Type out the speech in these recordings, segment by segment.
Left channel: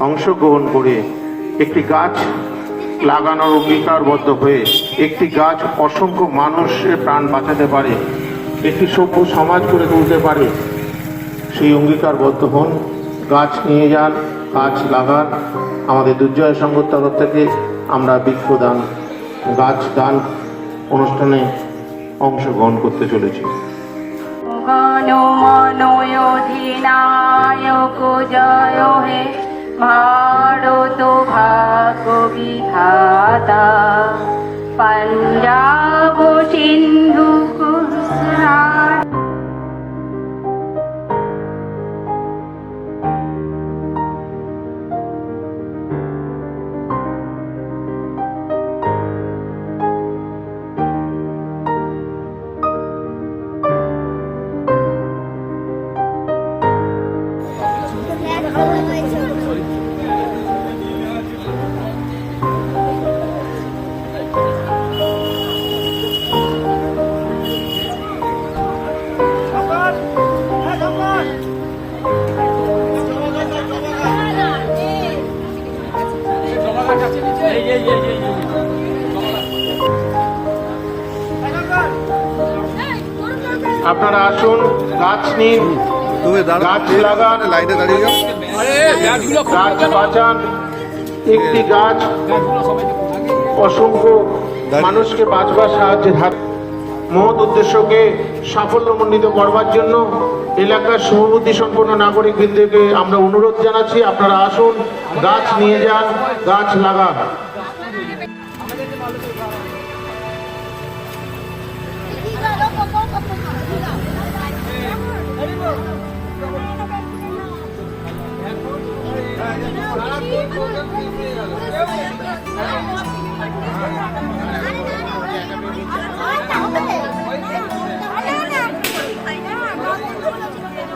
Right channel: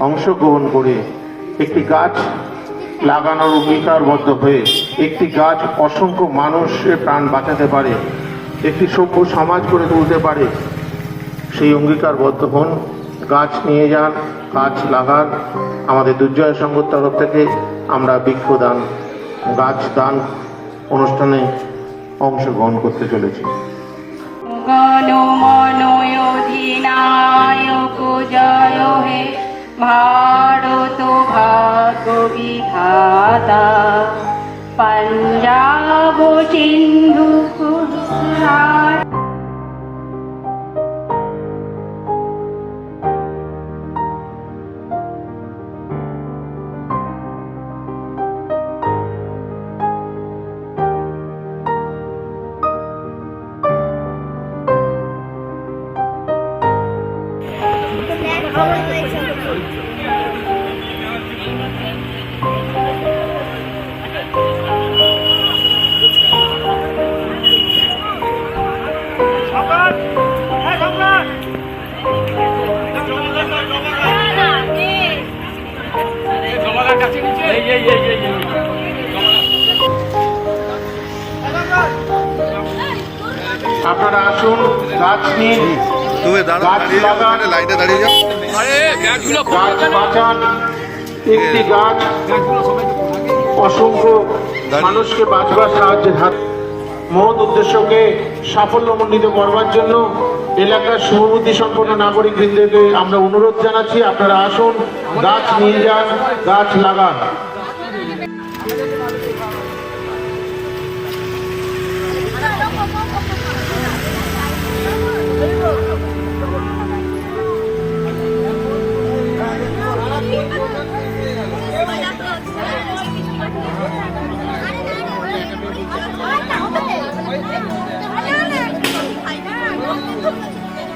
অংশগ্রহণ করে একটি গাছ লাগানোর অঙ্গীকারবদ্ধ হয়ে একটি গাছ অসংখ্য মানুষের প্রাণ বাঁচাতে পারে, একটি সভ্য সমাজ করে তুলতে পারে, সেই অঙ্গীকারবদ্ধ হন। গাছ নিয়ে যান, গাছ লাগান। আমাদের দুর্জয় সংঘর তরফ থেকে আমরা বৃক্ষদান গাছ দান অনুষ্ঠানে অংশগ্রহণ করতে চলেছি। গণমনয়োধিনায়ক জয় হে ভারত ভাগ্য বিধাতা পঞ্জাব সিন্ধু আপনারা আসুন গাছ নিন। তুমি দাঁড়া গাছ দাঁড়িয়ে যাও লাইনে দাঁড়িয়ে যাও। গাছ বাঁচান। একটি গাছ অসংখ্য মানুষকে বাঁচবার সাহায্যের হাত মহৎ উদ্দেশ্যকে সাফল্যমণ্ডিত করবার জন্য এলাকার সুবুদ্ধি সম্পন্ন নাগরিকবৃন্দকে আমরা অনুরোধ জানাচ্ছি। আপনারা আসুন গাছ নিয়ে যান গাছ লাগান।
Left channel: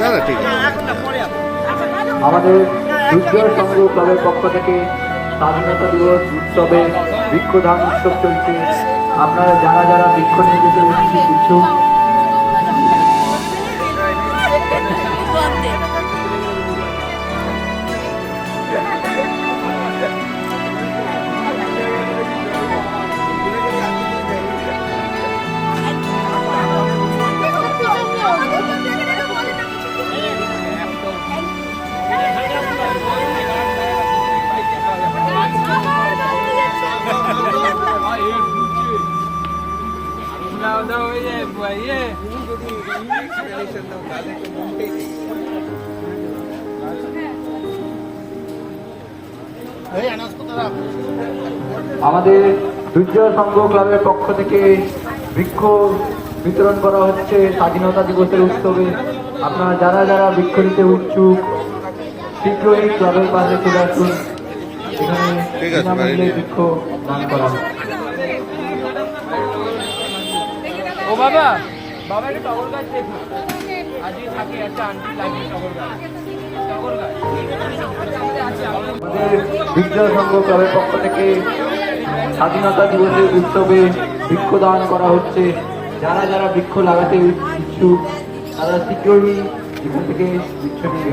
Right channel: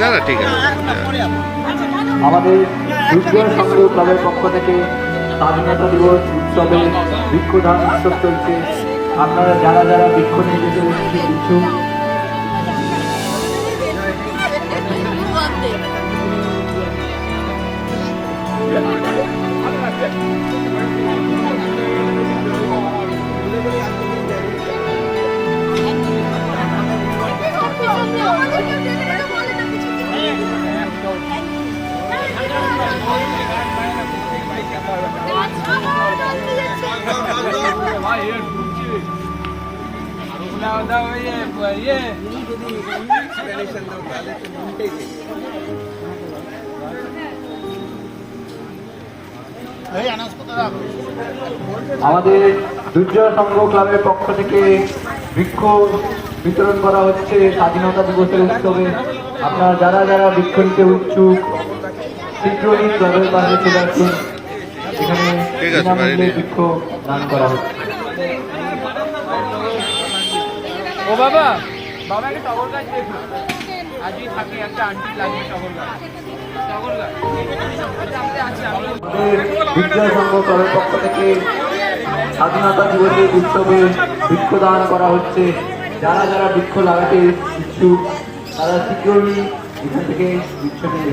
না ঠিক আছে। আমাদের দুর্জয় সংগ্রহ ক্লাবের পক্ষ থেকে স্বাধীনতা দিবস উৎসবে বৃক্ষদান উৎসব চলছে। আপনারা যারা যারা বৃক্ষ নিয়ে যেতে উচিত ইচ্ছুক আমাদের দুর্জয় সংঘ ক্লাবের পক্ষ থেকে বৃক্ষ বিতরণ করা হচ্ছে স্বাধীনতা দিবসের উৎসবে। আপনারা যারা যারা বৃক্ষ নিতে উৎসুক শীঘ্রই ক্লাবের পাশে চলে আসুন। এখানে ঠিক আছে, বিনামূল্যে বৃক্ষ দান করা হচ্ছে। ও বাবা, বাবাকে টগর গাছ দেখো। থাকে একটা আন্টি লাগবে টগর গাছ। পক্ষ থেকে স্বাধীনতা দিবসের উৎসবে বৃক্ষদান করা হচ্ছে। যারা যারা বৃক্ষ লাগাতে ইচ্ছুক, তারা শীঘ্রই এখান থেকে বৃক্ষ নিয়ে